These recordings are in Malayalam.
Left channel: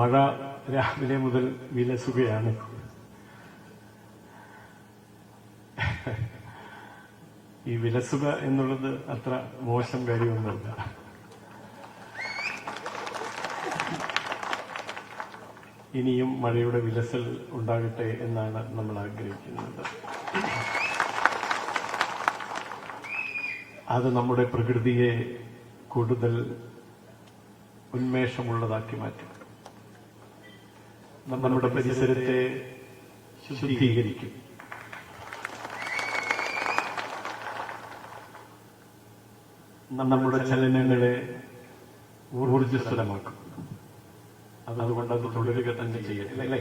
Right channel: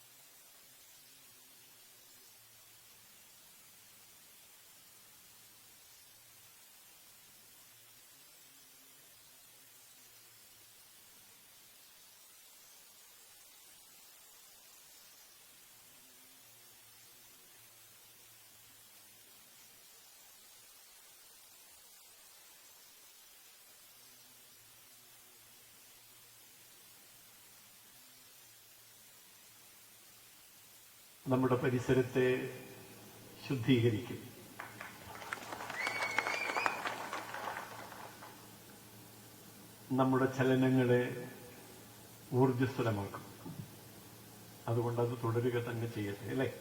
മഴ രാവിലെ മുതൽ വിലസുകയാണ്. ഈ വിലസുക എന്നുള്ളത് അത്ര മോശം കാര്യമൊന്നുമല്ല. ഇനിയും മഴയുടെ വിലസൽ ഉണ്ടാകട്ടെ എന്നാണ് നമ്മൾ ആഗ്രഹിക്കുന്നത്. അത് നമ്മുടെ പ്രകൃതിയെ കൂടുതൽ ഉന്മേഷമുള്ളതാക്കി മാറ്റും. നമ്മുടെ പരിസരത്തെ ശുദ്ധീകരിക്കും. നമ്മുടെ ചലനങ്ങളെ ഊർജ്ജസ്വലമാക്കും. അതുകൊണ്ട് തുടരുക തന്നെ ചെയ്യട്ടെ, അല്ലേ?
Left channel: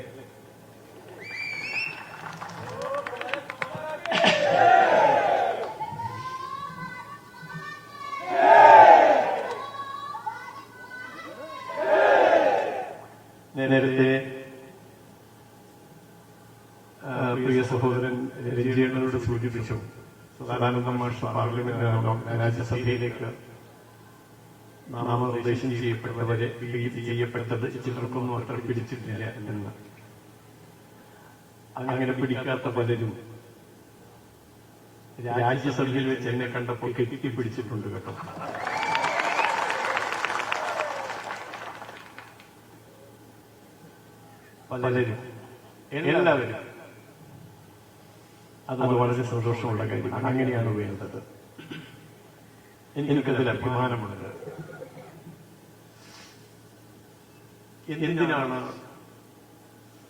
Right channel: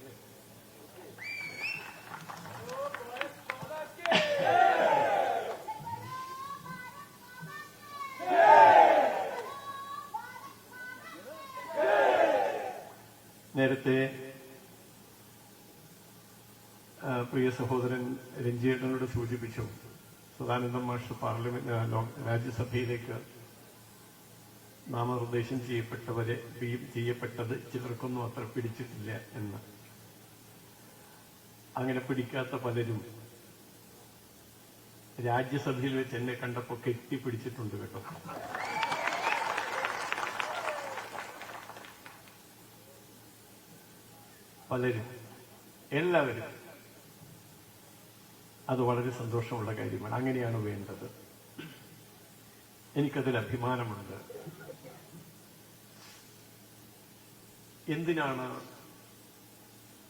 നേരത്തെ പ്രിയ സഹോദരൻ രഞ്ജിയോട് സൂചിപ്പിച്ചു, സദാനന്ദ മാഷ് രാജ്യസഭയിലേക്ക് നാമനിർദ്ദേശം ചെയ്യപ്പെട്ടവരെ ചെയ്യപ്പെട്ടത് ചിത്രമൊന്നും പ്രകടിപ്പിച്ചിട്ടില്ല എന്നാണ്. അങ്ങനെ പിടിക്കാത്ത പലരും രാജ്യസഭയിൽ എന്നെ കണ്ടപ്പോൾ കെട്ടിപ്പിടിച്ചിട്ടുണ്ട്. പലരും, എല്ലാവരും. അത് വളരെ സന്തോഷമുള്ള കാര്യമാണ്. അങ്ങനെയാണ് വേണ്ടത്. എനിക്കൊരു അഭിമാനമുള്ളത്. എന്തിനാണ്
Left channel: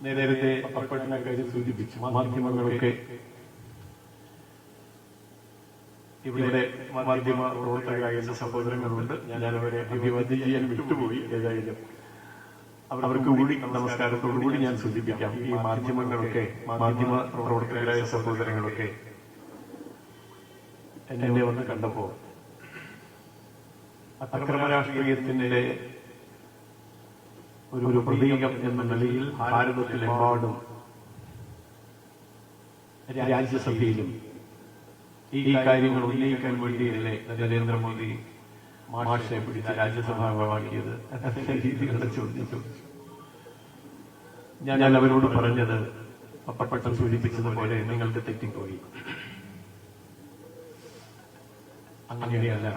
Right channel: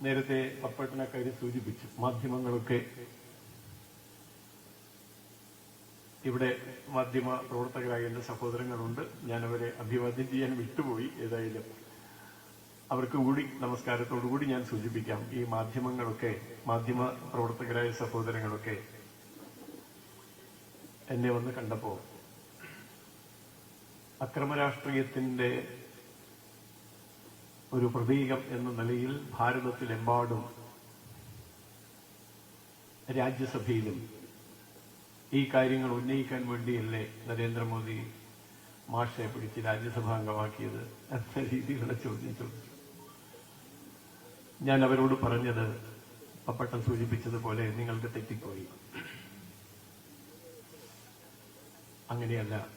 നേരത്തെ സൂചിപ്പിച്ചു, മാധ്യമങ്ങളൊക്കെ ഇവിടെ മാധ്യമ പ്രവർത്തകരായ സഹോദരങ്ങളുണ്ട്. ഞാൻ അവരെ അഭിവാദ്യം ചെയ്യാൻ വിട്ടുപോയി. ഏതായാലും അവർക്ക് കൂടി നമസ്കാരത്തോടുകൂടി ഞാൻ സൂചിപ്പിക്കാം. ഈ മാധ്യമങ്ങളൊക്കെ, മാധ്യമ പ്രവർത്തകരായ സഹോദരങ്ങളൊക്കെ എന്നെ വന്ന് കണ്ടപ്പോ അക്രമ രാഷ്ട്രീയത്തിന്റെ ഒരു പ്രതീകം എന്ന നിലയിൽ ഭാരതത്തിലെമ്പാടും രാജ്യസഭയിലും ഈ കാര്യങ്ങൾ ഉന്നയിക്കാൻ വേണ്ടിയില്ലേ നരേന്ദ്രമോദി മാഷിനെ രാജ്യസഭാംഗമാക്കിയത് ചോദിച്ചു. ഞാൻ അവരോട് പറഞ്ഞത് അപ്പോൾ സൂചിപ്പിച്ചതുപോലെ നിങ്ങൾക്ക് തെറ്റിപ്പോയി. അങ്ങനെയല്ല,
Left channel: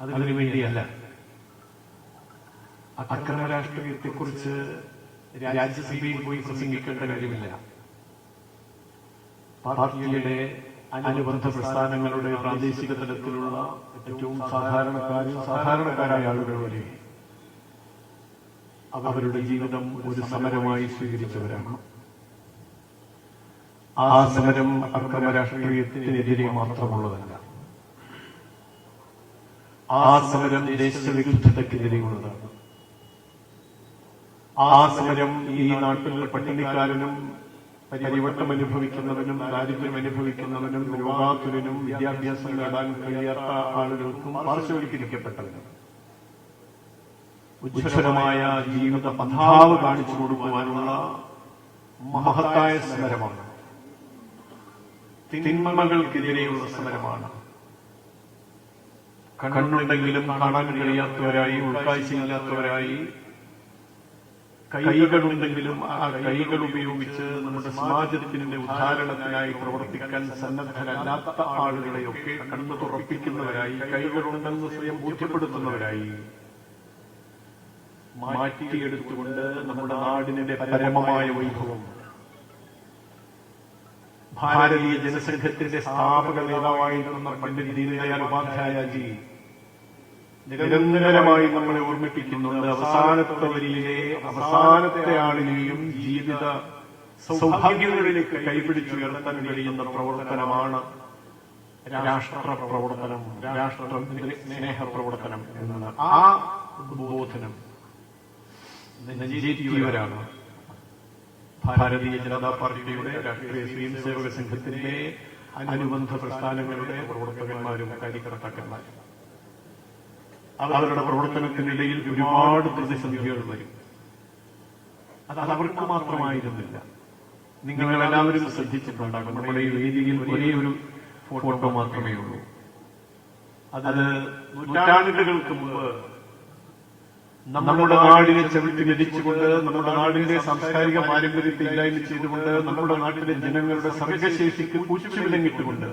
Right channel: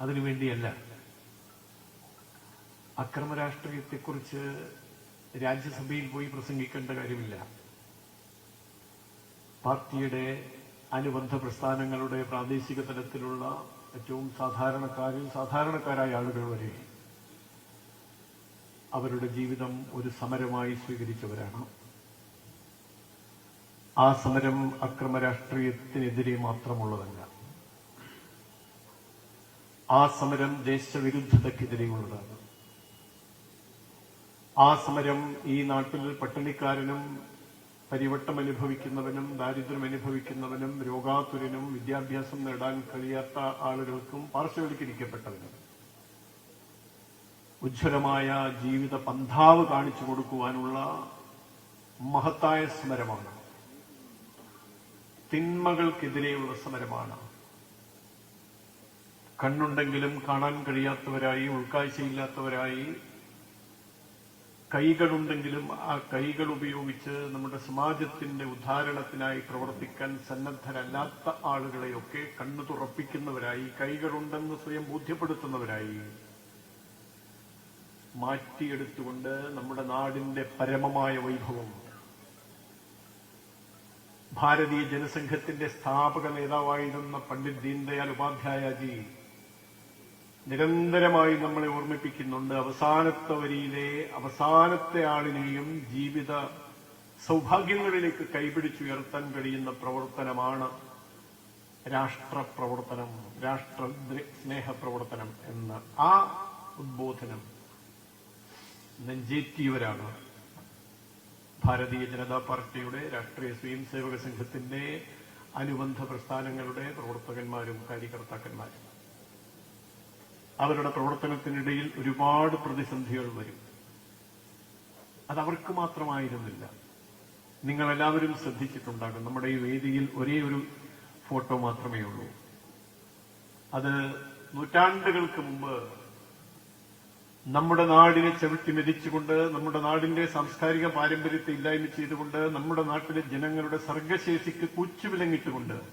അതിനു വേണ്ടിയല്ല. അക്രമ രാഷ്ട്രീയത്തെക്കുറിച്ച് രാജ്യസഭയിൽ പോയി പ്രസംഗിക്കേണ്ട കാര്യമില്ല. പാർട്ടിയുടെ അനുബന്ധ പ്രസ്ഥാനങ്ങളുടെ പ്രാദേശിക തലത്തിലുള്ള ഏറ്റവും സാധാരണക്കാരായ ആളുകളെ അവരുടെ ജീവിതം ഒരു സമരമായി സ്വീകരിച്ചവരാണ്. ആ സമരം അക്രമ രാഷ്ട്രീയത്തിനെതിരെ മാത്രമുള്ളതല്ല. ആ സമരം ദേശവിരുദ്ധതയ്ക്കെതിരെയുള്ളതാണ്. ആ സമരം ഈ നാട്ടിൽ പട്ടിണിക്കാരനും പരിവർത്തനം അനുഭവിക്കുന്നവനും ദാരിദ്ര്യം അനുഭവിക്കുന്നവനും രോഗാതുരനും വിദ്യാഭ്യാസം നേടാൻ കഴിയാത്ത ആളുകൾക്കും പാർശ്വവൽക്കരിക്കപ്പെട്ടത് ഉജ്ജ്വലമായ ജീവിത പന്ഥാവ് കാണിച്ചു കൊടുക്കുവാനുള്ള മഹത്തായ സമരമാണ്. തിന്മകൾക്കെതിരെയുള്ള സമരമാണ്. കണ്ണുണ്ടെങ്കിലും കാണാൻ കഴിയാത്തവരായി, ഉൾക്കാഴ്ചയില്ലാത്തവരായി, കൈകളുണ്ടെങ്കിലും ആ കൈകൾ ഉപയോഗിച്ച് നമ്മുടെ സമാജത്തിന്റെ ഉദാഹരണനായി പ്രവർത്തിക്കാൻ സന്നദ്ധരല്ലാത്ത ആളുകളെയൊക്കെ കണ്ടു തുറപ്പിക്കുന്നവരായി, കൈകളുണ്ടെന്ന് സ്വയം ബോധ്യപ്പെടുത്തുന്നവരായി മാറ്റിയെടുത്തുകൊണ്ട് നമ്മുടെ നാടിന്റെ പരമമായ വൈഭവം ഭാരതീയ ജനസംഘത്തിന്റെ സ്ഥാപക നേതാവായിരുന്ന പണ്ഡിറ്റ് ദീനദയാൽ ഉപാധ്യായജി നിരന്തരമായി നമ്മളെ ഓർമ്മിപ്പിക്കുന്നുണ്ട്. അവസാനത്തെ വരിയിലെ അവസാനത്തെ ആളുകളെയും ജീവിത സൗഭാഗ്യങ്ങളിലേക്ക് കൈപിടിച്ച് ഉയർത്താൻ കഴിയുന്ന പ്രവർത്തനമാണ് രാഷ്ട്ര പ്രവർത്തനം, രാഷ്ട്ര സ്നേഹ പ്രവർത്തനം എന്നാണ്. ആ ഉദ്ബോധനം നെഞ്ചേറ്റിയവരാണ് ഭാരതീയ ജനതാ പാർട്ടിയുടെ രാഷ്ട്രീയ സ്വയംസേവക സംഘത്തിനെ അനുബന്ധ പ്രസ്ഥാനങ്ങളുടെ പ്രവർത്തകന്മാരും കാര്യകർത്താക്കളാണ്. അവരുടെ പ്രവർത്തനത്തിനിടയിൽ ഒരുപാട് പ്രതിസന്ധികൾ വരും. അത് അവർക്ക് മാത്രമായിരുന്നില്ല. നിങ്ങളെല്ലാവരും ശ്രദ്ധിച്ചിട്ടുണ്ടാകും. നമ്മുടെ രീതിയിൽ ഒരേ ഒരു ഫോട്ടോ മാത്രമേ ഉള്ളൂ. അത് നൂറ്റാണ്ടുകൾക്ക് മുമ്പ് നമ്മുടെ നാടിനെ ചെവിതിരിച്ചുകൊണ്ട്, നമ്മുടെ നാടിനെ സാംസ്കാരിക പാരമ്പര്യത്തിലായിക്കൊണ്ട്, നമ്മുടെ നാടിന്റെ ജനങ്ങളുടെ സർഗശേഷിക്ക് കൂച്ചുവിലങ്ങിക്കൊണ്ട്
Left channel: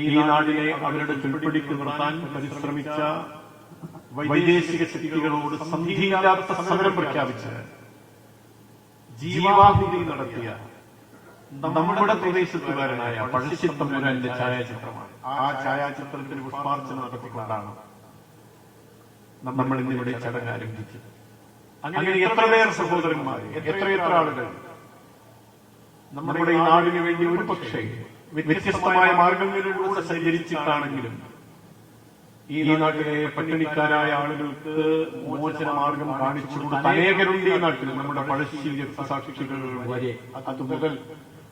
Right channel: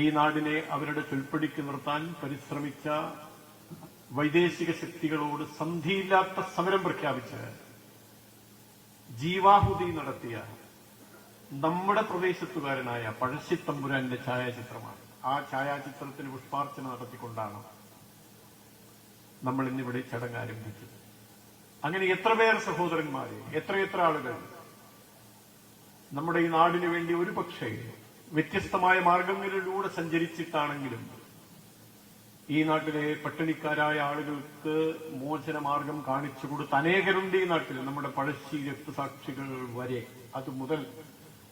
ഈ നാടിനെ അവരുടെ ഉൾപ്പെടുത്തി നിർത്താൻ പരിശ്രമിച്ച വൈദേശിക ശക്തികളോട് സന്ധിയില്ലാത്ത സമരം പ്രഖ്യാപിച്ച് ജീവാഹുതി നടത്തിയ നമ്മുടെ പ്രദേശത്തുകാരായ പഴശ്ശിത്തമ്പുരാന്റെ ഛായാചിത്രമാണ്. ആ ഛായാചിത്രത്തിന് പുഷ്പാർച്ചന നടത്തിക്കൊണ്ടാണ് നമ്മൾ ഇവിടെ ചടങ്ങ് ആരംഭിച്ചത്. അങ്ങനെ എത്രയേറെ സഹോദരന്മാർ, എത്രയേറെ ആളുകൾ നമ്മുടെ നാടുകളിൽ ഒരുപക്ഷേ വ്യത്യസ്തമായ മാർഗങ്ങളിലൂടെ സഞ്ചരിച്ചിട്ടാണെങ്കിലും ഈ നാട്ടിലെ പട്ടിണിക്കാരായ ആളുകൾക്ക് മോചനമാർഗം കാണിച്ചു കൊടുത്ത അനേകരുടെ ഈ നാട്ടിൽ നമ്മുടെ പഴശ്ശി സാക്ഷികൾ വരെ തുകകൾ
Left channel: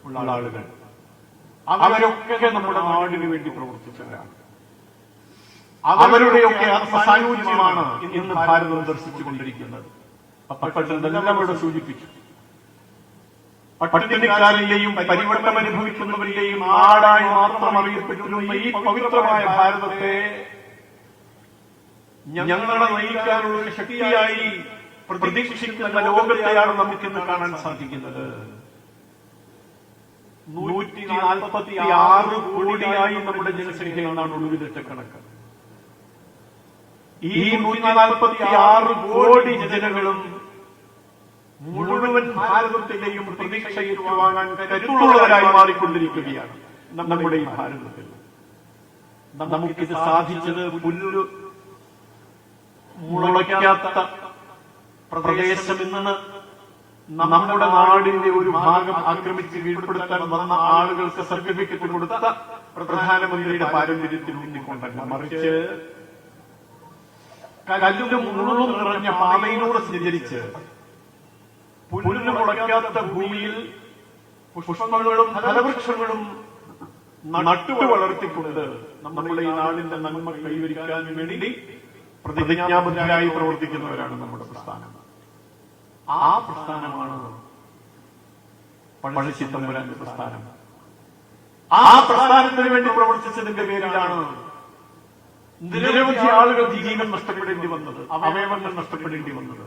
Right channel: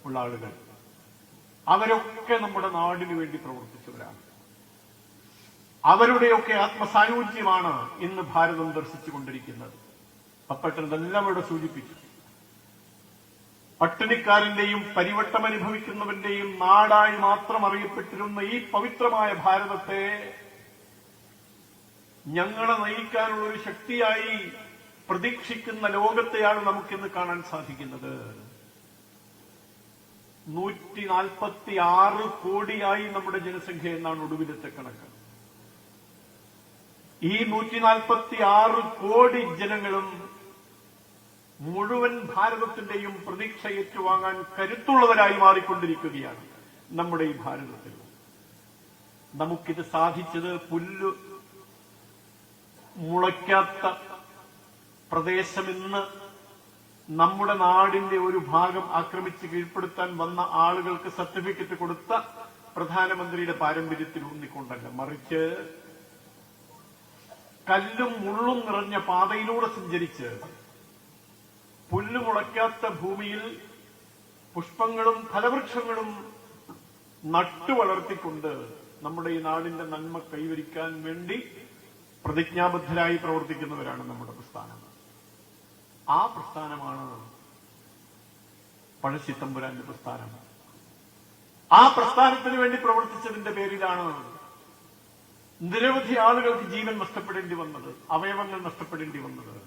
ഉള്ള ആളുകൾ അവരൊക്കെ നമ്മുടെ നാടിന് വേണ്ടി പ്രവർത്തിച്ചവരാണ്. അവരുടെയൊക്കെ സാന്നിധ്യമാണ് ഇന്ന് ഭാരതം പ്രദർശിച്ചുകൊണ്ടിരിക്കുന്നത്. അപ്പോൾ സൂചിപ്പിച്ചു, പട്ടിണിക്കാരെയും പരിവർത്തനം അനുഭവിക്കുന്നവരെയും നാടായി മാത്രം അറിയപ്പെടുന്ന ഈ പവിത്രമായ ഭാരതത്തെ ഞങ്ങളെ നയിക്കാനുള്ള ശക്തിയായി പ്രതീക്ഷിക്കുന്ന ലോകത്തെയാണ് നമുക്ക് കാണാൻ സാധിക്കുന്നത്. 146 കോടിയായി നമ്മുടെ ജനസംഖ്യയാണ് കണക്ക്. ഈ 146 കോടി ജനങ്ങളും മുഴുവൻ ഭാരതത്തിന്റെയും പ്രതീക്ഷ ഏറ്റുവാങ്ങാൻ കരുത്തുള്ളവരായി മാറിക്കൊണ്ടിരിക്കുകയാണ് നമ്മുടെ ഭാരതത്തിൽ. നമുക്കിത് സാധിച്ചത് പുല്ലൊരു മുളയ്ക്കാത്ത പ്രദേശത്ത് നിന്ന് നമ്മുടെ നാടിനെ ഒരു ഭാഗം ആക്രമിച്ച് കീഴ്പ്പെടുത്താൻ വന്ന ആളുകൾ സർട്ടിഫിക്കറ്റ് കൊടുത്ത പ്രധാനമന്ത്രിയുടെ പാരമ്പര്യത്തിൽ മറിച്ച് കല്ലും മുള്ളും നിറഞ്ഞ പാതയിലൂടെ സഞ്ചരിച്ച് പുല്ല് മുളയ്ക്കാത്ത ഭൂമിയിൽ പുഷ്പങ്ങളും ഫലവൃക്ഷങ്ങളും നട്ടു വളർത്തിക്കൊണ്ട് നമ്മുടെ നാടിന്റെ നന്മ കൈവരിക്കാൻ വേണ്ടി പ്രതിജ്ഞാബദ്ധരായി പ്രവർത്തിക്കുന്നവരാണ് നമ്മുടെ പ്രസ്ഥാനം. ആ പ്രസ്ഥാനമാണ് പഴശ്ശിത്തമ്പുരാന്റെ പ്രസ്ഥാനം. ആ പ്രസ്ഥാനത്തിന് വേണ്ടി പ്രവർത്തിച്ചതിന്റെ പേരിലാണ് നിരവധി ആളുകൾ ജീവൻ നഷ്ടപ്പെടേണ്ടി വന്നത്, അവയവങ്ങൾ നഷ്ടപ്പെടേണ്ടി വന്നത്.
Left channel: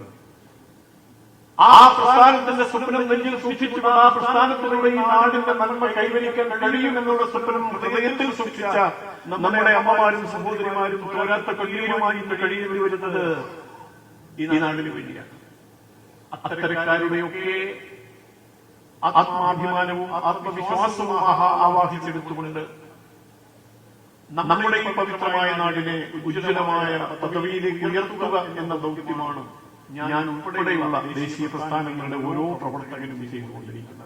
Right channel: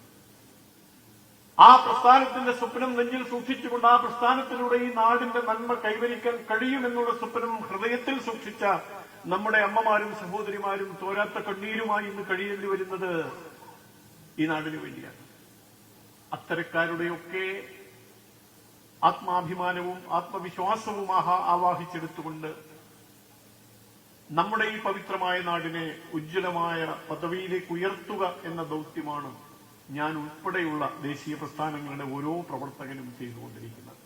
ആ പ്രസ്ഥാനത്തിന്റെ സുരക്ഷയിൽ സൃഷ്ടിച്ചിട്ടുള്ള ആ പ്രസ്ഥാനത്തിലൂടെ നാടിന്റെ നന്മ കൈവരിക്കാൻ കഴിയുമെന്നുള്ള സ്വപ്നം ഹൃദയത്തിൽ സൃഷ്ടിച്ച നമ്മുടെ അമ്മമാരും സഹോദരിമാരും പോരാട്ട കീഴുമായി കഴിയേണ്ടി വരുന്നത് ഈ നാടിന് വേണ്ടിയാണ്. അത്തരക്കാരെയൊക്കെ ആത്മാഭിമാനവും ആത്മവിശ്വാസവും ആവാഹിച്ചെടുത്തുകൊണ്ട് നമ്മുടെ പവിത്രമായ നാടിനെ ഉജ്ജ്വലമായ പദവിയിലേക്ക് ഉയർത്തുക എന്ന ദൗത്യമാണ് ഞാൻ ഉൾപ്പെടെയുള്ള ദേശീയ പ്രസ്ഥാനങ്ങളുടെ ഓരോ പ്രവർത്തകരും ചെയ്തുകൊണ്ടിരിക്കുന്നത്.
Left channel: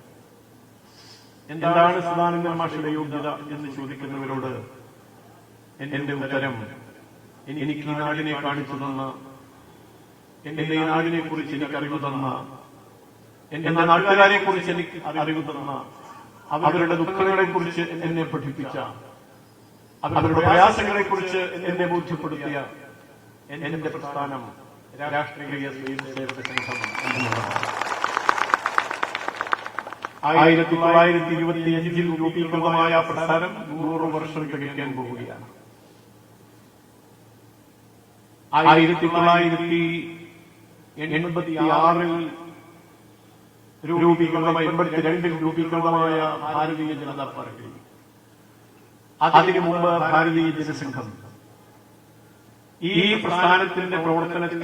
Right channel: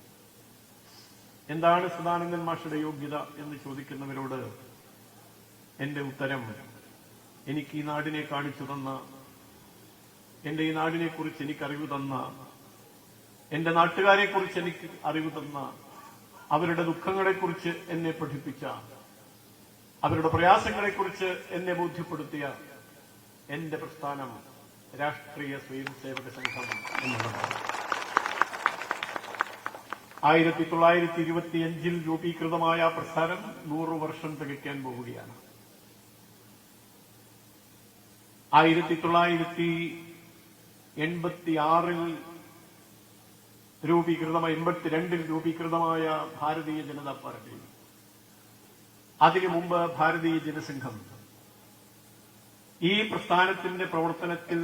എന്താണ് മാഷയുടെ യോഗ്യത എന്ന് ചോദിക്കുന്നവരോട് എന്റെ ഉത്തരം, എനിക്ക് നാടിനെ കാണിച്ചു തന്ന, എന്റെ നാടിനെ കുറിച്ച് എനിക്ക് അറിവ് തന്ന, എന്റെ നാട്ടുകാരെ കുറിച്ച് എനിക്ക് അറിവ് തന്ന, അവരുടെ ദുഃഖങ്ങളെ കുറിച്ച് എന്നെ പഠിപ്പിച്ച, അവരുടെ പ്രയാസങ്ങളെ കുറിച്ച് എന്നെ ബോധ്യപ്പെടുത്തിയ എന്റെ പ്രസ്ഥാനം രാഷ്ട്രീയ സേവന സംഘം. 1925 രൂപീകൃതമായ പ്രസ്ഥാനം 100 വർഷം തികയ്ക്കാൻ പോവുകയാണ്. 1986 രൂപീകൃതമായ ഭാരതീയ ജനതാ പാർട്ടി, അതിനു മുമ്പ് ഭാരതീയ ജനസംഘം ഈ പ്രസ്ഥാനത്തിന്റെ പ്രവർത്തനത്തിൽ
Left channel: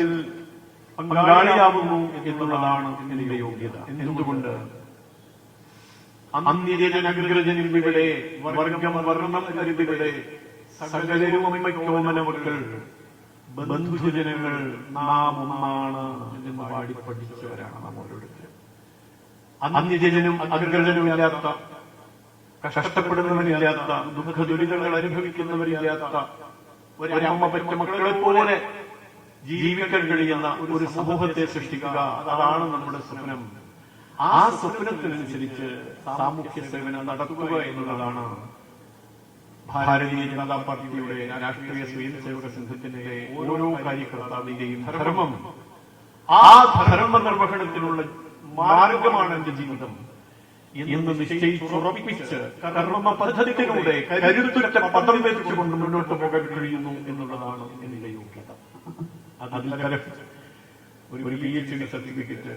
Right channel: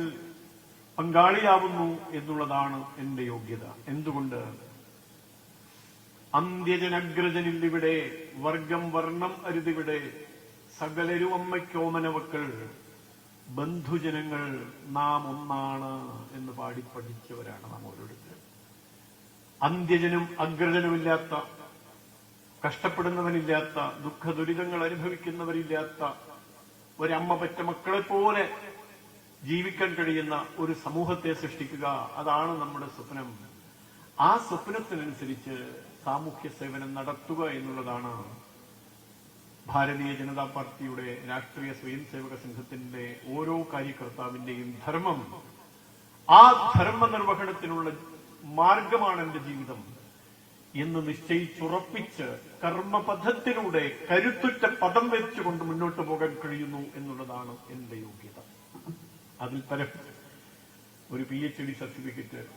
പങ്കാളിയാകുന്നു എന്നുള്ളതാണ് എന്റെ യോഗ്യത. എന്തുകൊണ്ട്? അന്ത്യജനഗ്രജനിവിടെ വർഗമവർണ്ണമരിവിടെ സകലരുമകൾ ബന്ധുജനങ്ങൾ നാം ഒന്നാണ് എന്ന് പാടി പഠിച്ചവരാണ് നമ്മളുടെ. അന്ത്യജനും അഗ്രജനുമില്ലാത്ത, കഷ്ടപ്പെടുന്നവരില്ലാത്ത, ദുഃഖദുരിതങ്ങൾ അനുഭവിക്കുന്നവരില്ലാത്ത, ഒരമ്മ മക്കളെ പോലെ ജീവിക്കാൻ കഴിയുന്ന ഒരു സമൂഹത്തെ സൃഷ്ടിക്കുക, അതാണ് നമ്മുടെ സ്വപ്നം. ആ സ്വപ്നത്തിനനുസരിച്ച് സാമൂഹ്യ സേവനം നടത്തുക എന്നുള്ളതാണ് ഭാരതീയ ജനതാ പാർട്ടിയുടെ രാഷ്ട്രീയ സേവന സംഘത്തിന്റെ ഓരോ കാര്യങ്ങളുടെയും ധർമ്മം. ആ ധർമ്മ നിർവഹണത്തിനുള്ള മാർഗമാണ് ജീവിതം എന്ന് നിശ്ചയിച്ചുറപ്പിച്ച് കർമ്മ പദ്ധതികളുടെ കരുത്തുറ്റ പദ്ധതി വെച്ചുകൊണ്ട് മുന്നോട്ട് പോകാൻ കഴിയുന്നു എന്നുള്ളതാണ് എന്റെ യോഗ്യത. അത്തരം ഒരു വലിയ സർട്ടിഫിക്കറ്റ്,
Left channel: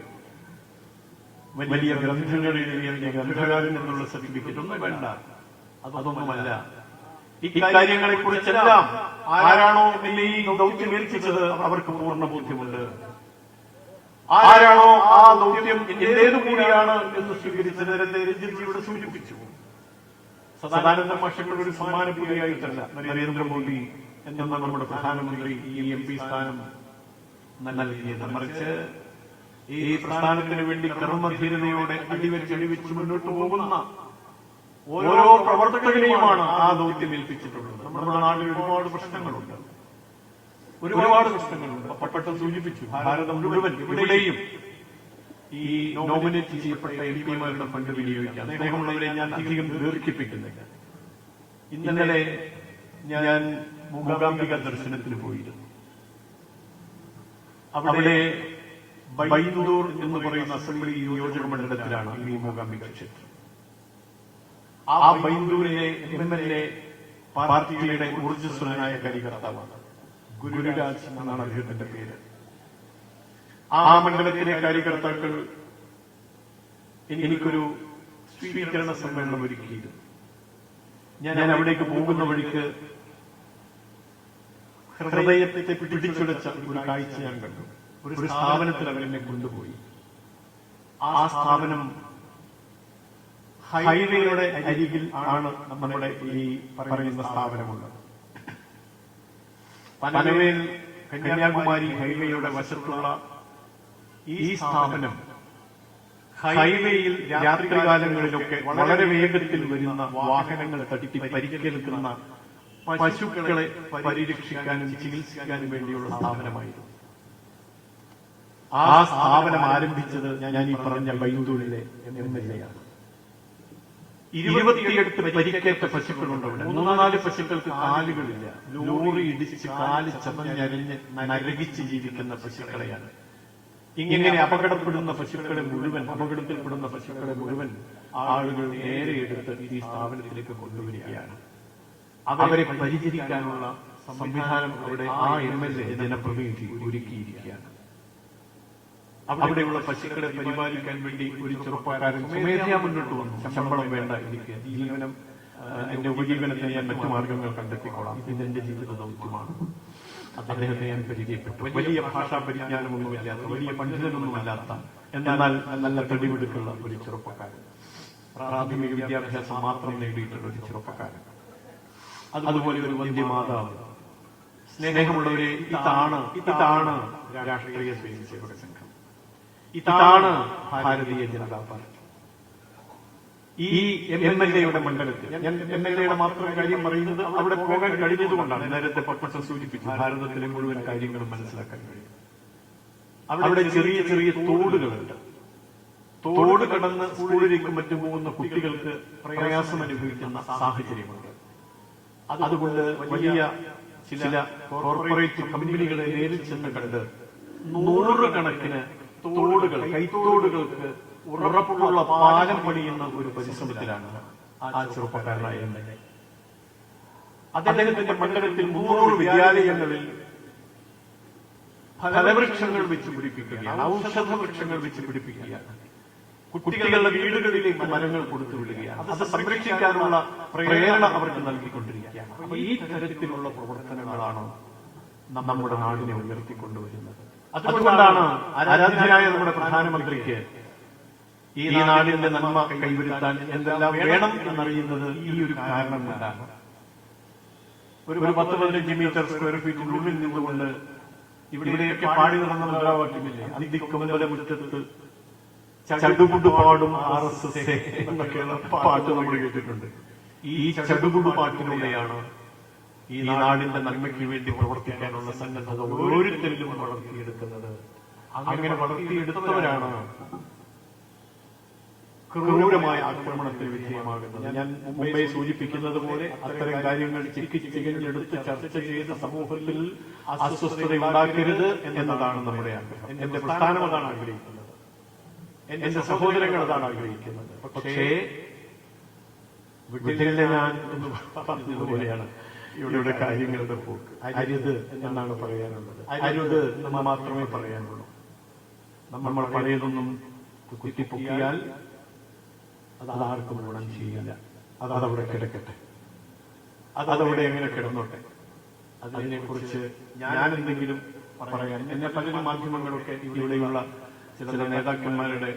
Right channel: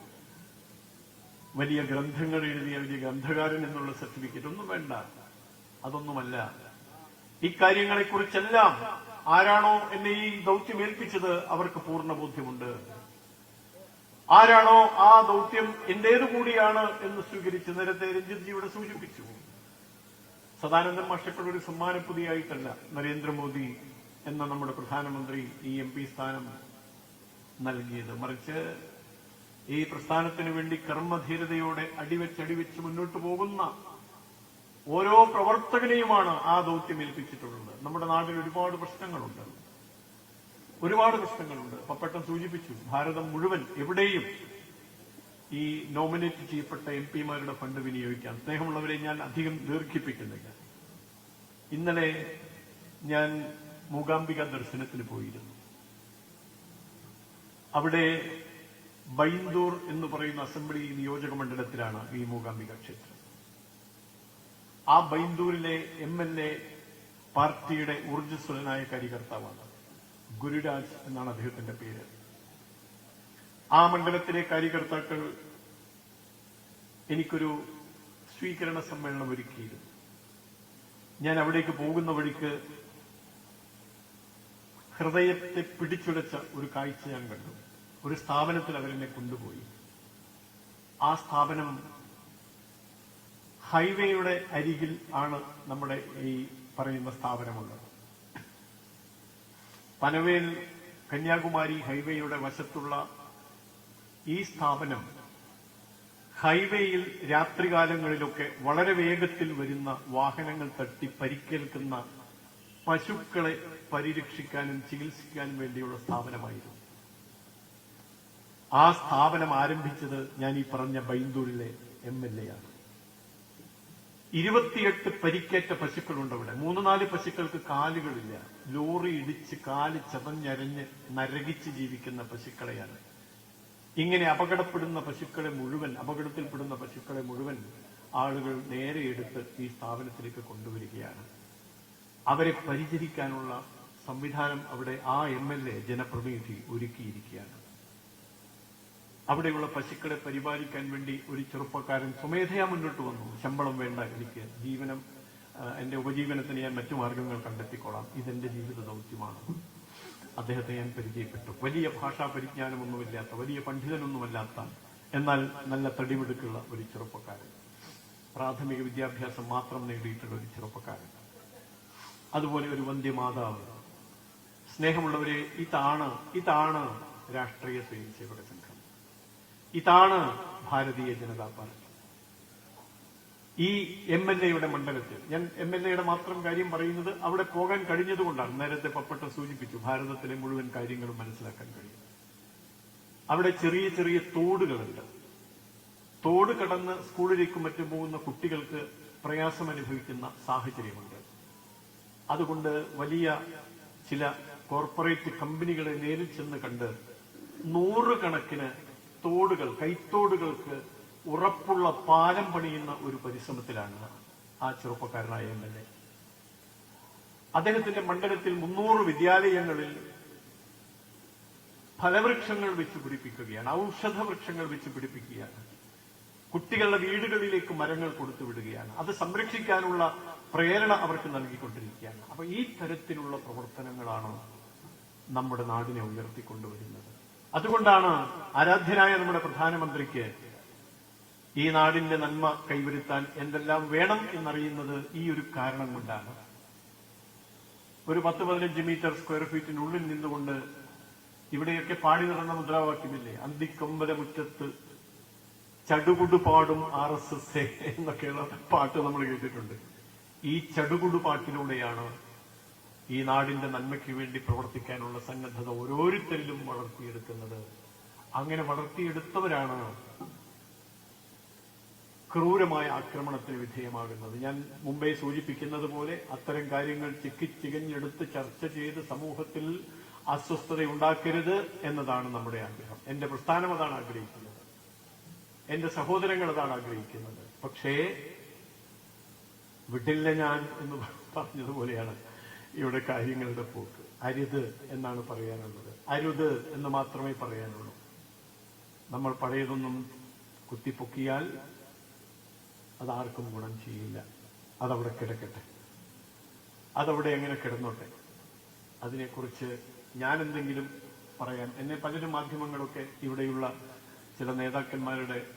വലിയ ഗ്രന്ഥങ്ങളുള്ള സർട്ടിഫിക്കറ്റ് വേണ്ട. അതൊന്നുമല്ല. ഇക്കാര്യങ്ങളെ കുറിച്ചെല്ലാം ആരാണോ എന്നെ ഈ ദൗത്യം ഏൽപ്പിച്ചത് അവർക്ക് പൂർണ്ണ ബോധ്യമുണ്ട്. ആരാണോ ആ ദൗത്യം എന്റേതുകൂടിയാണ് എന്ന് സൂചിപ്പിച്ചു. സദാനന്ദ മാഷയുടെ സമ്മാനനിധിയായിട്ടല്ല നരേന്ദ്രമോദി എന്ന നമ്മുടെ പ്രധാനമന്ത്രി ഈ MP സ്ഥാനം നൽകിയത്. മറിച്ച് ഈ പ്രസ്ഥാനത്തിന് വേണ്ടി കർമ്മധീരതയോടെ അടിവെച്ച് മുന്നോട്ട് പോകുന്ന ഓരോ പ്രവർത്തകരെയുമാണ് ആ ദൗത്യം ഏൽപ്പിച്ചിട്ടുള്ളത്. നമ്മുടെ നാട്ടിൽ ഒരുപാട് പ്രശ്നങ്ങളുണ്ട്, ഒരുപാട് പ്രശ്നങ്ങളുണ്ട്. പപ്പട്ട സൂചിപ്പിച്ചു, ഭാരതം മുഴുവൻ എവിടെയും ഈ നോമിനേറ്റ് ചെയ്യപ്പെട്ട MP-മാരുടെ സംഘടനയിലേക്ക് അദ്ദേഹങ്ങളെ ഞാൻ അധികം ദീർഘിപ്പിക്കുന്നില്ല. ഇന്നലെ ഞാൻ മൂകാംബിക ദർശനത്തിന് പോയി. അവിടെ ബൈദൂർ എന്ന് പറയുന്ന അസംബ്ലി നിയോജക മണ്ഡലത്തിലാണ് ഈ മൂകാംബിക ക്ഷേത്രം. ആ ബൈദൂരിലെ MLA പാർട്ടിയുടെ ഊർജ്ജസ്വനായ കാര്യകർത്താവാണ്. ഗുരുരാജ് എന്നാണ് അദ്ദേഹത്തിന്റെ പേര്. ആ മണ്ഡലത്തിലെ കാര്യകർത്താക്കൾ എനിക്കൊരു സ്വീകരണ സമ്മേളനം ഒരുക്കിയിരുന്നു. ഞാൻ അവിടേക്ക് പോകുന്ന വഴിക്ക് ഹൃദയത്തെ പിടിച്ചുലച്ച ഒരു കാഴ്ച ഞാൻ കണ്ടു. ഒരു സ്ഥാപനത്തിൽ എന്നെ കൊണ്ടുപോയി. ആ സ്ഥാപനം ഹൈവേയുടെ അരികിൽ ആണ് നമ്മുടെ ഈ പറയുന്ന സ്ഥാപനമുണ്ട്. പനവേൽ കന്യാകുമാരി ഹൈവേയുടെ വശത്തുള്ള ഈ സ്ഥാപനം ഹൈവേയിൽ രാത്രികാലങ്ങളിലൊക്കെ വളരെ വേഗത്തിൽ വരുന്ന വാഹനങ്ങൾ തട്ടി പരിക്കേൽക്കുന്ന പശുക്കളെ പരിരക്ഷിക്കാനും ചികിത്സിക്കാനും വേണ്ടിയുള്ള സ്ഥാപനമായിരുന്നു. ആ സ്ഥാപനം ആരംഭിച്ചത് ഞാൻ ഈ പറഞ്ഞ ബൈദൂരിലെ MLA-യാണ്. 28 പരിക്കേറ്റ പശുക്കളുണ്ട്. 3-4 പശുക്കൾക്ക് കാലുകളില്ല. ലോറി ഇടിച്ച് കാല് നരകിച്ചിരിക്കുന്ന പശുക്കളെയാണ്. ഇങ്ങനെ അപകടപ്പെടുന്ന പശുക്കളെ മുഴുവൻ ആളുകൾ നേരെ എടുത്ത് ഈ സ്ഥാപനത്തിലേക്ക് കൊണ്ടുവരികയാണ്. അവരെ പരിഹരിക്കാനുള്ള സംവിധാനം അവിടെ ആ MLA ജനപ്രതിനിധി ഒരുക്കിയിരിക്കുകയാണ്. അവിടെയുള്ള പശുക്കളെ പരിപാലിക്കാൻ വേണ്ടി ഒരു ചെറുപ്പക്കാരൻ ശമ്പളം വേണ്ട, ജീവനം എന്റെ ഉപജീവനം ഞാൻ മറ്റു മാർഗങ്ങൾ കണ്ടെത്തിക്കൊള്ളാം, ഇതെന്റെ ജീവിതമാണ്. അദ്ദേഹത്തെ വലിയ ഭാഷാ പരിജ്ഞാനമൊന്നുമില്ല, വലിയ പണ്ഡിതനൊന്നുമല്ലാത്ത എന്നാൽ നല്ല തടിപിടിയുള്ള ഒരു ചെറുപ്പക്കാരൻ, പ്രാഥമിക വിദ്യാഭ്യാസം മാത്രം നേടിയിട്ടുള്ള ഒരു ചെറുപ്പക്കാരൻ. അതുപോലെ ഒരു വന്ധ്യമാതാവ് സ്നേഹങ്ങളുടെ ഇതാണ് രാഷ്ട്രീയ സംഘം, ഇതാണ് ഭാരതീയ ജനതാ പാർട്ടി. ഈ MLA-യുടെ മണ്ഡലത്തിൽ ഞാൻ MLA-യുടെ മാത്രം കാര്യം പറയുന്നത് അവിടെ പോകാൻ കഴിയുന്നതുകൊണ്ടാണ്. നേരത്തെ പട്ട സൂചിപ്പിച്ചു, ഭാരതത്തിലെ മുഴുവൻ കാര്യങ്ങളും മനസ്സിലാക്കാൻ കഴിയും. അവിടെ ചെറിയ ചെറിയ തോടുകളുണ്ട്. തോടുകൾ കടന്ന് സ്കൂളിലേക്ക് മറ്റു പോകുന്ന കുട്ടികൾക്ക് പ്രയാസം അനുഭവിക്കുന്ന സാഹചര്യമുണ്ട്. അതുകൊണ്ട് വലിയ ചില കോർപ്പറേറ്റ് കമ്പനികളെ നേരിൽ ചെന്ന് കണ്ടത് നൂറുകണക്കിന് തോടുകൾ, കൈത്തോടുകൾക്ക് ഉറപ്പുള്ള പാലം പണിയുന്ന ഒരു പരിശ്രമത്തിലാണ് ആ ചെറുപ്പക്കാരായ അദ്ദേഹത്തിന്റെ മണ്ഡലത്തിൽ 100 വിദ്യാലയങ്ങളിൽ ഫലവൃക്ഷങ്ങൾ വെച്ചുപിടിപ്പിക്കുകയാണ്, ഔഷധവൃക്ഷങ്ങൾ വെച്ചുപിടിപ്പിക്കുകയാണ്, കുട്ടികളുടെ വീടുകളിലേക്ക് മരങ്ങൾ കൊടുക്കുകയാണ്. അത് സംരക്ഷിക്കാനുള്ള പ്രേരണ അവർ നൽകിക്കൊണ്ടിരിക്കുകയാണ്. അപ്പൊ ഈ തരത്തിലുള്ള പ്രവർത്തനങ്ങളാണ് നമ്മുടെ നാടിനെ ഉയർത്തിക്കൊണ്ടുവരുന്നത്. അതുകൊണ്ടാണ് ആരാധ്യനായ നമ്മുടെ പ്രധാനമന്ത്രിക്ക് ഈ നാടിന്റെ നന്മ കൈവരുത്താൻ എന്തെല്ലാം വേണം എന്നറിയുന്നത് ഈ ഒരു കാരണം കൊണ്ടാണ്. ഒരു 15 മീറ്റർ ഉള്ളിൽ നിന്നുകൊണ്ട് ഇവിടെയൊക്കെ പാടുന്ന മുറ്റത്ത് ചടുകുപാടും എന്നൊക്കെയുള്ള പാട്ടുകൾ കേട്ടിട്ടുണ്ട്. ഈ ചടുകുപാട്ടിലൂടെയാണ് ഈ നാടിന്റെ നന്മയ്ക്ക് വേണ്ടി പ്രവർത്തിക്കാനുള്ള സന്നദ്ധത ഓരോരുത്തരും വളർത്തിയെടുക്കുന്നത്. അങ്ങനെ വളർത്തിയെടുത്തവരാണ് ക്രൂരമായ ആക്രമണത്തിന് വിധേയമാകുന്നത്. ഞാൻ മുമ്പേ സൂചിപ്പിക്കുന്നത് പോലെ അത്തരം കാര്യങ്ങൾ ചികിത്സിക്കലെടുത്ത് ചർച്ച ചെയ്ത് സമൂഹത്തിൽ അസ്വസ്ഥത ഉണ്ടാക്കരുത് എന്നതാണ് പറയാൻ. എന്റെ പ്രസ്ഥാനങ്ങളാണ് ആഗ്രഹിക്കുന്നത്, എന്റെ സഹോദരങ്ങളാണ് ആഗ്രഹിക്കുന്നത്. പക്ഷേ വിട്ടില്ല ഞാൻ പറഞ്ഞതുപോലെയാണ് ഇവിടെ കാര്യങ്ങൾക്ക് പോകും. അരുത് എന്നാണ് പറയാനുള്ളത്. അരുത് എന്ന് മാത്രമേ പറയാനുള്ളൂ. നമ്മൾ പഴയതിൽ നിന്നും കുത്തിപ്പൊക്കിയാൽ അത് ആർക്കും ഗുണം ചെയ്യില്ല. അതവിടെ കിടക്കട്ടെ, അതവിടെ കിടന്നോട്ടെ. അതിനെക്കുറിച്ച് ഞാൻ എന്തെങ്കിലും പറയാൻ എന്നെ പല മാധ്യമങ്ങളൊക്കെ ഇവിടെയുള്ള ചില നേതാക്കന്മാരുടെ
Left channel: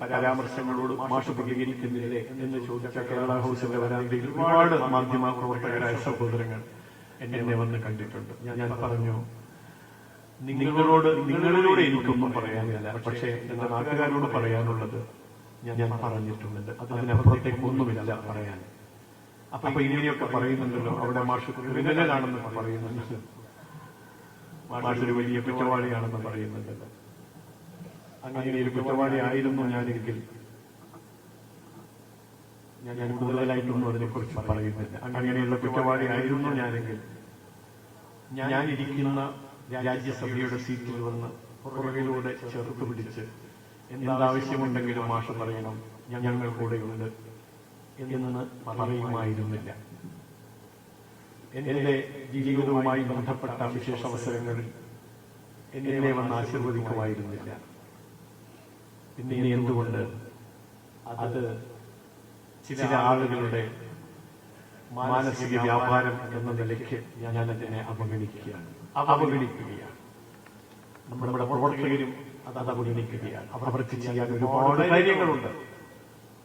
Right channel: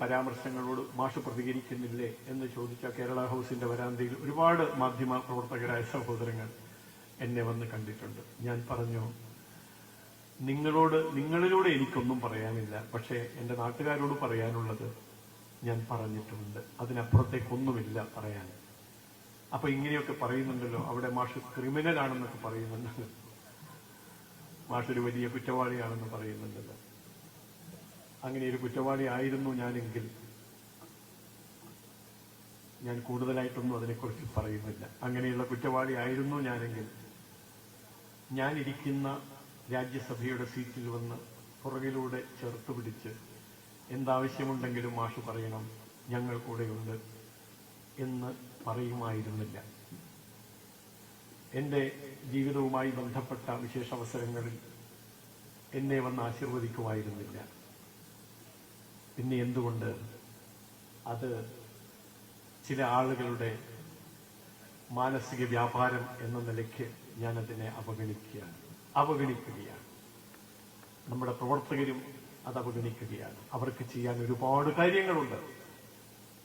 പരാമർശങ്ങളോട് മാഷ് പ്രതികരിക്കുന്നില്ലേ എന്ന് ചോദിച്ച കേരള ഹൗസിലെ വരാന്തിയിൽ ഒരുപാട് മാധ്യമ പ്രവർത്തകരായ സഹോദരങ്ങൾ എന്നെ വന്ന് കണ്ടിട്ടുണ്ട്. ഞാൻ പറഞ്ഞു, നിങ്ങളോട് എനിക്കൊന്നും പറയാനില്ല, പക്ഷേ എന്റെ നാട്ടുകാരോട് പറയാനുള്ളത് ഞാൻ പറഞ്ഞിട്ടുണ്ട്. അതിനപ്പുറത്തേക്കൊന്നുമില്ല പറയാൻ. അപ്പൊ ഇങ്ങനെയൊക്കെ പറയുന്നുണ്ടല്ലോ, അവിടെ മാഷ് ക്രിമിനലാണെന്ന് പറയുന്നുണ്ട്, മാഷ് ഒരു വലിയ കുറ്റവാളിയാണെന്ന് പറയുന്നത്. അങ്ങനെ ഒരു കുറ്റവാളിയായിരുന്നു ഞാനെങ്കിൽ ഞാൻ കൂടുതലായിട്ടൊന്നും അതിനെക്കുറിച്ച് പറയുന്നില്ല. അങ്ങനെയുള്ള കുറ്റവാളിയായിരുന്നു ഞാനെങ്കിൽ ഞാൻ ഇരിക്കുന്ന രാജ്യസഭയുടെ സീറ്റിൽ വന്ന് പുറകിലൂടെ ചേർത്ത് പിടിച്ച് എന്താവശ്യമുണ്ടെങ്കിലും മാഷ് പറയണം, ഞങ്ങളുടെ കൂടെയുള്ളത് എന്ന് പറയുമായിരുന്നില്ല. എന്റെ ജീവിതവുമായി ബന്ധപ്പെട്ട വിശേഷ അവസരങ്ങളിൽ എന്നെ വന്ന് ആശീർവദിക്കുമായിരുന്നില്ല. പിന്നെ എന്തുകൊണ്ട്? അത് ചില ആളുകളുടെ മാനസിക വ്യാപാരം എന്ന നിലയ്ക്ക് ഞാൻ അതിനെ അവഗണിക്കുകയാണ്. നമ്മുടെ പ്രവർത്തകരും അത് അവഗണിക്കുകയാണ്. അവർ ചെയ്യാൻ ഒരുപാട് കാര്യങ്ങളുണ്ട്.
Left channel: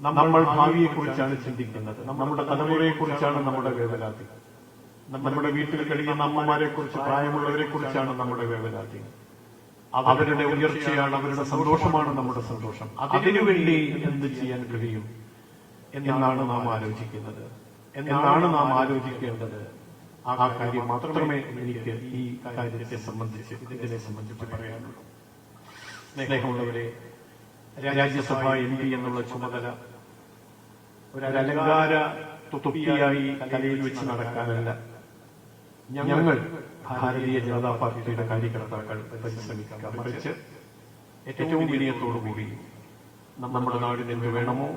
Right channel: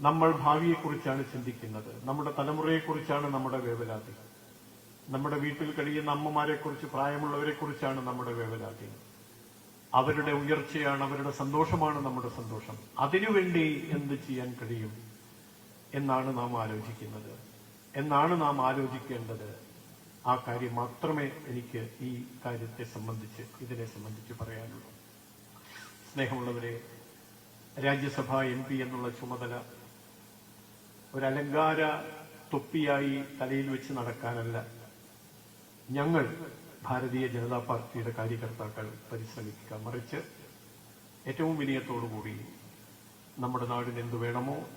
നമ്മൾ ഭാവിയെക്കുറിച്ചാണ് ചിന്തിക്കുന്നത്, നമ്മുടെ തലമുറയെ കുറിച്ചാണ് നമ്മുടെ വേവലാതി, നമ്മുടെ വീട്ടിൽ കഴിയുന്ന അമ്മമാരെ കുറിച്ച്, പ്രായമുള്ളവരെ കുറിച്ചാണ് നമ്മുടെ വേവലാതി. അവരുടെ ഉയർച്ചയാണ്, അവരുടെ സന്തോഷമാണ് നമ്മുടെ സന്തോഷം. അതിനുവേണ്ടി എന്ത് ചെയ്യാൻ കഴിയും എന്നാണ് നാം ആലോചിക്കുന്നത്, എന്നാണ് നാം ആലോചിക്കേണ്ടത്. ആ കാര്യം മാത്രമേ എനിക്ക് ഈ കാര്യത്തെ സംബന്ധിച്ച്, ഇതിനെ സംബന്ധിച്ച് പറയാനുള്ളൂ. സ്നേഹമുള്ളവരെ, രാജ്യസഭ എം പി എന്നുള്ള ചുമതല ഒരു അലങ്കാര തൊപ്പിയായി തലയിൽ വെച്ച് നടക്കാനല്ല. ഞങ്ങൾ ഭാരതീയ ജനതാ പാർട്ടിയുടെ കാര്യകർത്താക്കൾ പരിശ്രമിക്കാൻ, മറിച്ച് ഏറ്റവും വിനയത്തോടുകൂടി നമ്മുടെ നാടിന് വേണമോ,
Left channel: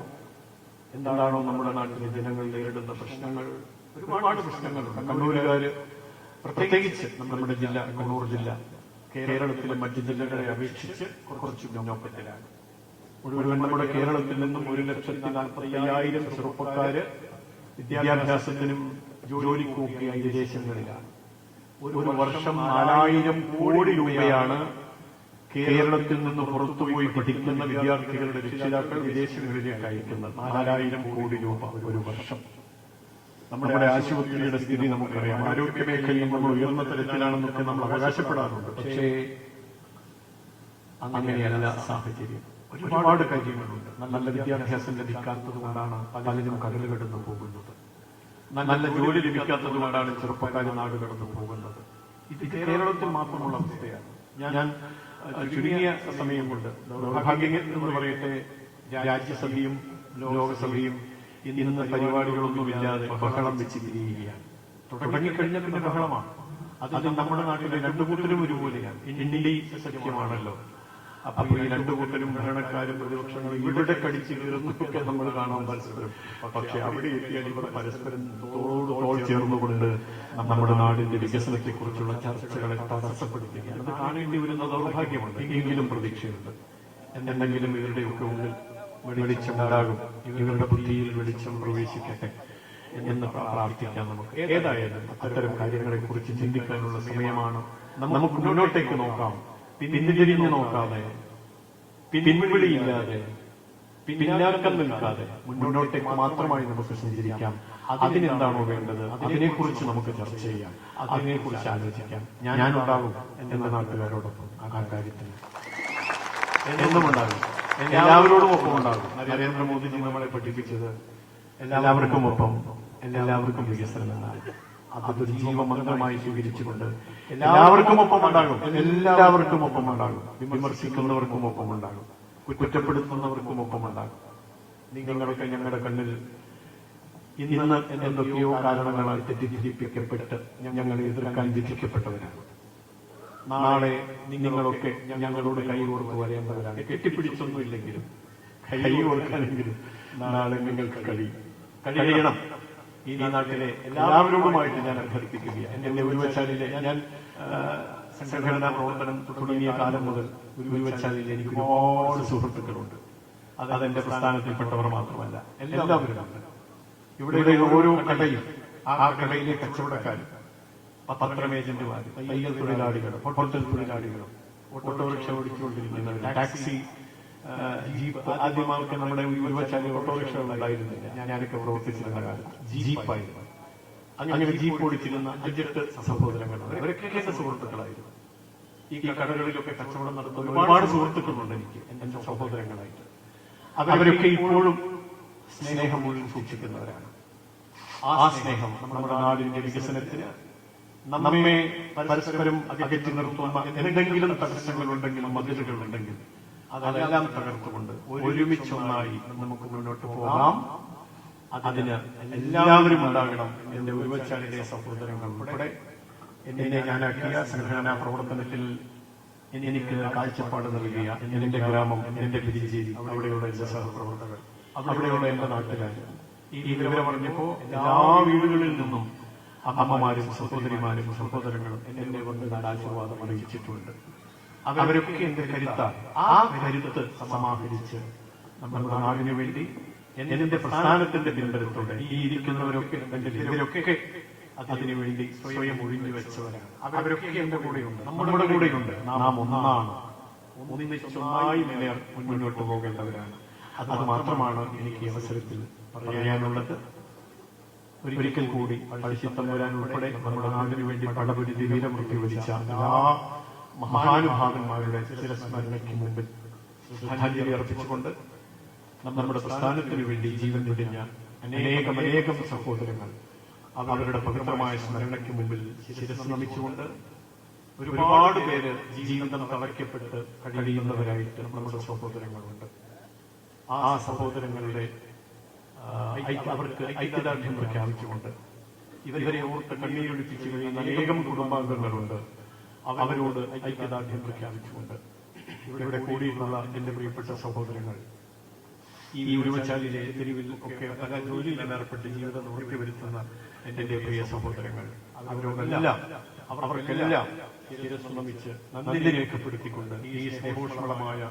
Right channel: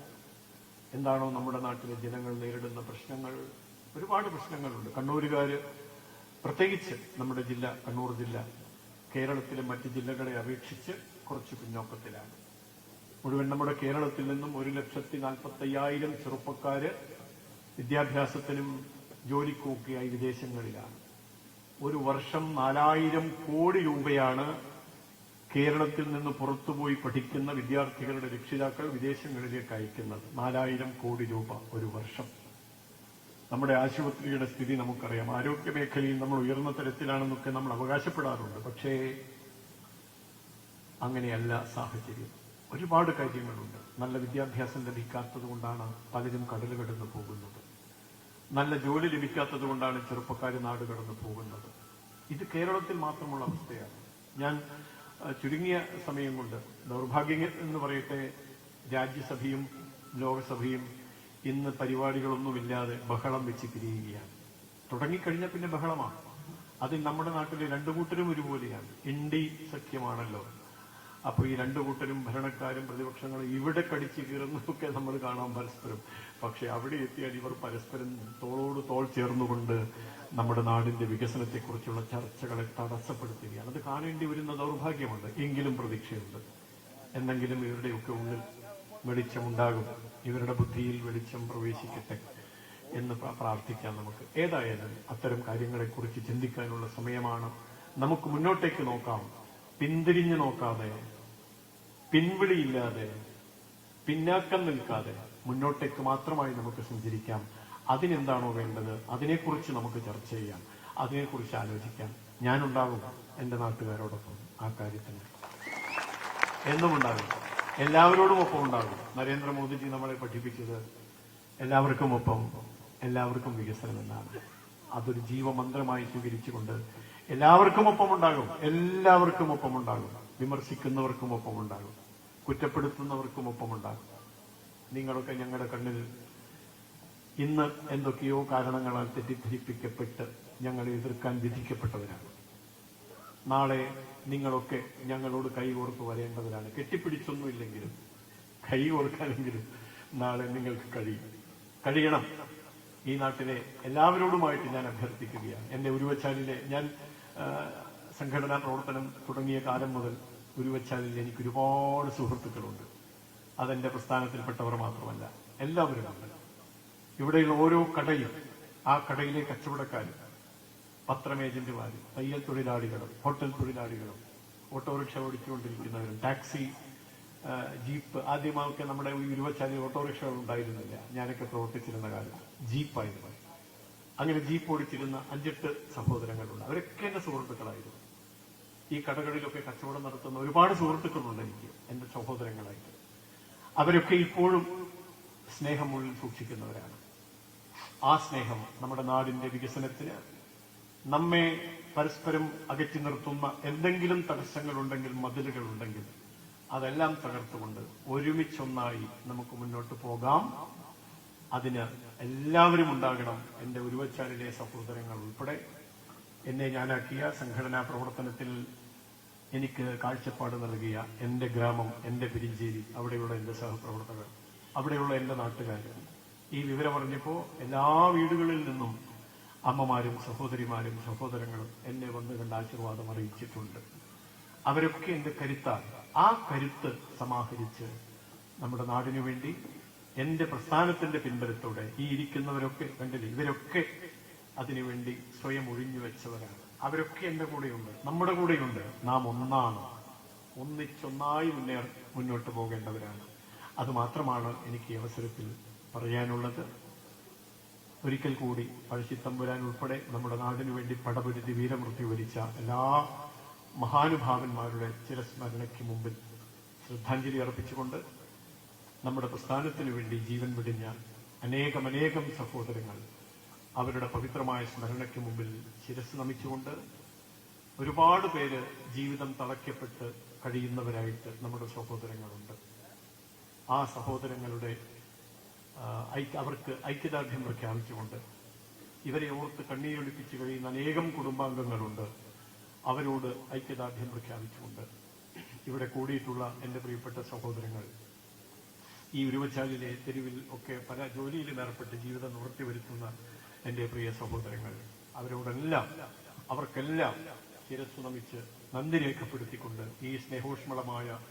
എന്താണോ നമ്മുടെ നാടിന്റെ ജനങ്ങൾ നേരിടുന്ന പ്രശ്നങ്ങൾ, ഒരുപാട് പ്രശ്നങ്ങളുണ്ട്. കണ്ണൂരുകാര് പ്രത്യേകിച്ച് നമ്മുടെ ജില്ല, കണ്ണൂർ ജില്ല കേരളത്തിലെ മറ്റ് ജില്ലകളെ അപേക്ഷിച്ച് കുറച്ച് പിന്നോക്കത്തിലാണ്. മുഴുവൻ നമ്മുടെ കേരളത്തിൽ നിന്നും 1,45,000 ചെറുപ്പക്കാര് വിദ്യാഭ്യാസത്തിനും ജോലിക്കുമൊക്കെയായി വിദേശങ്ങളിലാണ്. ഒരു വർഷം 4,000 കോടി രൂപയാണ് കേരളത്തിൽ നിന്ന് പുറത്തുപോയി പഠിക്കുന്ന വിദ്യാർത്ഥികളുടെ രക്ഷിതാക്കൾ വിദേശങ്ങളിലേക്ക് അയക്കുന്നത്. 4,000 കോടി രൂപ ഒരു വർഷം. നമ്മുടെ ആശുപത്രിയുടെ സ്ഥിതി നമുക്കറിയാം. ആരോഗ്യ മേഖലയിൽ നമ്മൾ ഉയർന്ന തരത്തിലാണെന്ന് നമ്മൾ അവകാശപ്പെടാറുണ്ട്. പക്ഷേ അങ്ങനെയല്ല സാഹചര്യം. ഒരുപാട് കാര്യങ്ങളുണ്ട്. നല്ല വിദ്യാഭ്യാസം ലഭിക്കാത്തതുകൊണ്ടാണ് പലരും കടകൾ കടന്നു പോകുന്നത്. നല്ല ജോലി ലഭിക്കാത്തതുകൊണ്ടാണ് ചെറുപ്പക്കാരെ നാടുകൾ കടന്നു പോകുന്നത്. ഇത് കേരളത്തിൽ മാത്രമുള്ള അവസ്ഥയാണ്. ഞാൻ ചുരുങ്ങിയ സമയം കൊണ്ട്, ദൗർഭാഗ്യം എന്ന് പറയട്ടെ, രാജ്യസഭയും ലോകസഭയും ഇന്ന് പരിപാടികളൊന്നുമില്ലാതെ ബഹളം വെച്ചിരിക്കുകയാണ്. തുടങ്ങിക്കഴിഞ്ഞ ബഹളമാണ്. അത് നമ്മുടെ നാട്ടിൽ 2 കൂട്ടരും ജോലിയാണ്. ഇന്ത്യയിൽ സത്യമാണല്ലോ. അപ്പൊ ഈ 2 കൂട്ടരും ഭരണകാര്യ ഇവിടെ കടിച്ചേർന്നതാണ് മത്സരം. പക്ഷെ അവിടെ പരസ്പരം തോൾ ചേർന്നുകൊണ്ട് നമ്മുടെ നാട് വികസനത്തെ കുറിച്ചുള്ള ചർച്ചകളെ തടസ്സപ്പെടുകയാണ്. അത് കാണേണ്ടിയുള്ള ദൗർഭാഗ്യമാണ്. എങ്കിലും പ്രതീക്ഷയുണ്ട്. എന്തെങ്കിലും വെളിച്ചമുണ്ടാകും, ഇവരുടെ പദ്ധതിയിൽ വെളിച്ചം പ്രവേശിക്കട്ടെ എന്ന് പ്രാർത്ഥിക്കാം. നമുക്ക് ഏതായാലും അത്തരം കാര്യങ്ങളെ കുറിച്ച് ചിന്തിക്കാനുള്ള സമയമാണ്. നമുക്ക് മുന്നോട്ടേക്ക് നോക്കാം, പിന്തിരിഞ്ഞ് നോക്കാതെ, പിൻവിളിയില്ലാതെ, പിന്നാക്കം നിൽക്കാതെ മുന്നോട്ടേക്ക് മാത്രമായി നമുക്ക് സഞ്ചരിക്കാം. അതിനെന്താണോ വേണ്ടത് അതിനെക്കുറിച്ച് നമുക്ക് ചർച്ച ചെയ്യാം, അതിനെക്കുറിച്ച് ആലോചിക്കാം. ഞാൻ ഉണ്ടാകും എന്റെ നാട്ടുകാരോടൊപ്പം ആ കാര്യത്തിൽ എന്നും ഉണ്ടാകും, എല്ലാവരും ഉണ്ടാകും. നരേന്ദ്രമോദി നമ്മളെ പഠിപ്പിച്ചത് എല്ലാവരും ഒപ്പം, എല്ലാവർക്കും വികസനം. അതൊരു ജീവമന്ത്രമായി ജീവിച്ചിട്ടുണ്ട്. എല്ലാവർക്കും ഒപ്പം ഉണ്ടാകും, എല്ലാവർക്കും ഒപ്പം ഉണ്ടാകും. വിമർശിക്കുന്നവർക്കും ഒപ്പം ഉണ്ടാകും, കുറ്റപ്പെടുത്തുന്നവർക്കും ഒപ്പം ഉണ്ടാകും. നിങ്ങളുടെ ഞങ്ങളുടെ കണ്ണിൽ ഇന്ന് എന്തൊക്കെയോ കാരണങ്ങളാൽ തെറ്റിദ്ധരിപ്പിക്കപ്പെട്ട് ഞങ്ങൾ എതിർക്കാൻ വിധിക്കപ്പെട്ടവരാണ്. നാളെ നിങ്ങളൊക്കെ ഞങ്ങളുടെ കൈയോട് വരേണ്ടവരാണ്. കെട്ടിപ്പിടിച്ചൊന്നുമില്ലെങ്കിലും കൈയോട് നാളെ നിങ്ങൾ കഴിയണം. ഈ നാട്ടിലെ എല്ലാവരുമായിട്ട് ഞാൻ അഭ്യർത്ഥിക്കുകയാണ്. എന്റെ ഉരുവശാലയിലെ ഞാൻ സംഘടനാ പ്രവർത്തനം തുടങ്ങിയ കാലം മുതൽ ഉരുവശാലയിൽ എനിക്ക് ഒരുപാട് സുഹൃത്തുക്കളുണ്ട്. അതെന്റെ സ്ഥാനത്തിൽപ്പെട്ടവർ മാത്രമല്ല, എല്ലാവരും ഇവിടെ ഓരോ കടയും ആ കടകളിൽ കച്ചവടക്കാർ, പത്രമേജന്മാർ, തയ്യൽ തൊഴിലാളികൾ, ഹോട്ടൽ തൊഴിലാളികൾ, ഓട്ടോറിക്ഷ ഓടിച്ചുകൊണ്ടിരിക്കുന്നവർ, ടാക്സി, ജീപ്പ്. ആദ്യമായി നമ്മുടെ യുവശാല ഓട്ടോറിക്ഷ ഉണ്ടായിരുന്നില്ല. ഞാൻ പ്രവർത്തിച്ചിരുന്ന കാലം ജീപ്പായിരുന്നു. അങ്ങനെ ജീപ്പ് ഓടിക്കുന്ന 5-8 സഹോദരങ്ങൾ, അവരൊക്കെ എന്റെ സുഹൃത്തുക്കളായിരുന്നു. ഈ കടകളിലൊക്കെ കച്ചവടം നടത്തുന്ന ഒരുപാട് സുഹൃത്തുക്കളുണ്ട് എനിക്ക്, എന്റെ സഹോദരങ്ങളായിട്ട്. അവരൊക്കെ ഇപ്പോഴും സ്നേഹം സൂക്ഷിക്കുന്നവരാണ്. ആ സ്നേഹം നമ്മുടെ നാടിന്റെ വികസനത്തിന്, നമ്മെ പരസ്പരം അകറ്റി നിർത്തുന്ന എന്തെങ്കിലും തടസ്സങ്ങളുണ്ടെങ്കിൽ, മതിലുകളുണ്ടെങ്കിൽ അതെല്ലാം തകർത്തുകൊണ്ട് ഒരുമിച്ചൊന്നായി നമുക്ക് മുന്നോട്ട് പോകാം. അതിന് എല്ലാവരും ഉണ്ടാകണം. എന്റെ ഉരുവശാലയിലെ സഹോദരങ്ങൾ ഉൾപ്പെടെ എന്നെ ഞാനാക്കിയ സംഘടനാ പ്രവർത്തനത്തിൽ എനിക്ക് കാഴ്ചപ്പാട് നൽകിയ എന്റെ ഗ്രാമം, എന്റെ രീതി, അവിടെയുള്ള സഹപ്രവർത്തകർ, അവിടെയുള്ള നാട്ടുകാരാണ്. ഈ വിവരം പറഞ്ഞപ്പോൾ എല്ലാ വീടുകളിൽ നിന്നും അമ്മമാരും സഹോദരിമാരും സഹോദരങ്ങളും എന്നെ അറിയിച്ചിട്ടുണ്ട്. അവരൊക്കെ ആ കരുത്ത് സമാഹരിച്ച് നമ്മുടെ നാടിന് വേണ്ടി എന്റെ പ്രസ്ഥാനത്തിന്റെ പിന്നിലൂടെ ഈ ഇരിക്കുന്നവരൊക്കെ ഇവരൊക്കെ അതിനു വേണ്ടി സ്വയം വെച്ചവരാണ്. അവരൊക്കെ എന്റെ കൂടെയുണ്ട്, നമ്മുടെ കൂടെയുണ്ട്. നാം ഒന്നാണ്, ഒന്നിച്ചൊന്നായി മുന്നോട്ട് പോകേണ്ടവരാണ്. അത് മാത്രമാണ് എനിക്ക് ഈ അവസരത്തിൽ പറയാനുള്ളത്. ഒരിക്കൽ കൂടി പഴശ്ശിത്തമ്പുരാനുൾപ്പെടെ നമ്മുടെ നാടിന് വേണ്ടി പടപതി വീരം പ്രയോഗിച്ച എല്ലാ മഹാനുഭാവന്മാരുടെ ചിരസ്മരണയ്ക്ക് മുമ്പിൽ ശ്രദ്ധാഞ്ജലി അർപ്പിച്ചുകൊണ്ട് നമ്മുടെ പ്രസ്ഥാനത്തിന് വേണ്ടി ജീവൻ തെളിഞ്ഞ അനേകം സഹോദരങ്ങൾ അവരുടെ പവിത്രമായ സ്മരണയ്ക്ക് മുമ്പിൽ ശിരസ് നമിച്ചുകൊണ്ട് ഒരുപാട് പേര് ജീവിതം തളയ്ക്കപ്പെട്ട് കഴിയുന്നവരായിട്ട് നമ്മുടെ സഹോദരങ്ങളുണ്ട്. ആ സഹോദരങ്ങളുടെ അവർക്ക് ഐക്യദാർഢ്യം പ്രഖ്യാപിച്ചുകൊണ്ട് ഇവരോട് കണ്ണീരൊഴുക്കി കഴിയുന്ന അനേകം കുടുംബാംഗങ്ങളുണ്ട്. അവരോട് ഐക്യദാർഢ്യം പ്രഖ്യാപിച്ചുകൊണ്ട് ഇവിടെ കൂടിയുള്ള എന്റെ പ്രിയപ്പെട്ട സഹോദരങ്ങൾ, ഈ ഉരുവശാലയിലെ തെരുവിലൊക്കെ പല ജോലിയിൽ ഏർപ്പെട്ട് വരുന്ന എന്റെ പ്രിയ സഹോദരങ്ങൾ, അവർക്കെല്ലാം ശിരസ്സ് നമിച്ച് നന്ദി രേഖപ്പെടുത്തിക്കൊണ്ട് ഈ സ്നേഹോഷ്മളമായ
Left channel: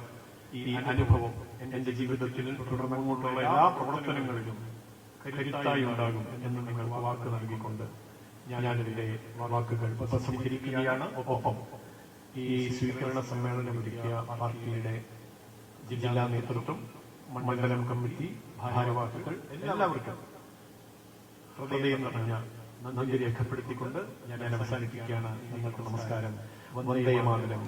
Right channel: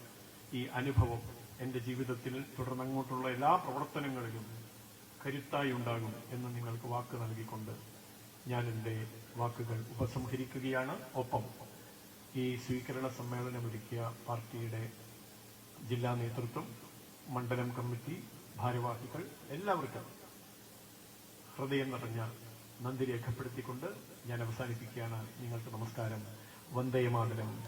ഈ അനുഭവം എന്റെ ജീവിതത്തിൽ തുടർന്നുള്ള എല്ലാ പ്രവർത്തനങ്ങളിലും കരുത്തായി ഉണ്ടാകും എന്ന് നിങ്ങൾ വാക്ക് നൽകിക്കൊണ്ട് ഞാൻ എന്റെ വാക്കുകൾ ഉപസംഹരിക്കുകയാണ്. ഒപ്പം ഈ സ്വീകരണ സമ്മേളനം നടത്തിയ പാർട്ടിയുടെ ജില്ലാ നേതൃത്വം, മണ്ഡലം കമ്മിറ്റി, ഭാരവാഹികൾ എല്ലാവർക്കും ഹൃദയം നിറഞ്ഞ നന്ദി രേഖപ്പെടുത്തിക്കൊണ്ട് ഞാൻ അവസാനിക്കുകയാണ്. നിങ്ങൾക്ക് നമസ്കാരം. വന്ദേ മാതരം.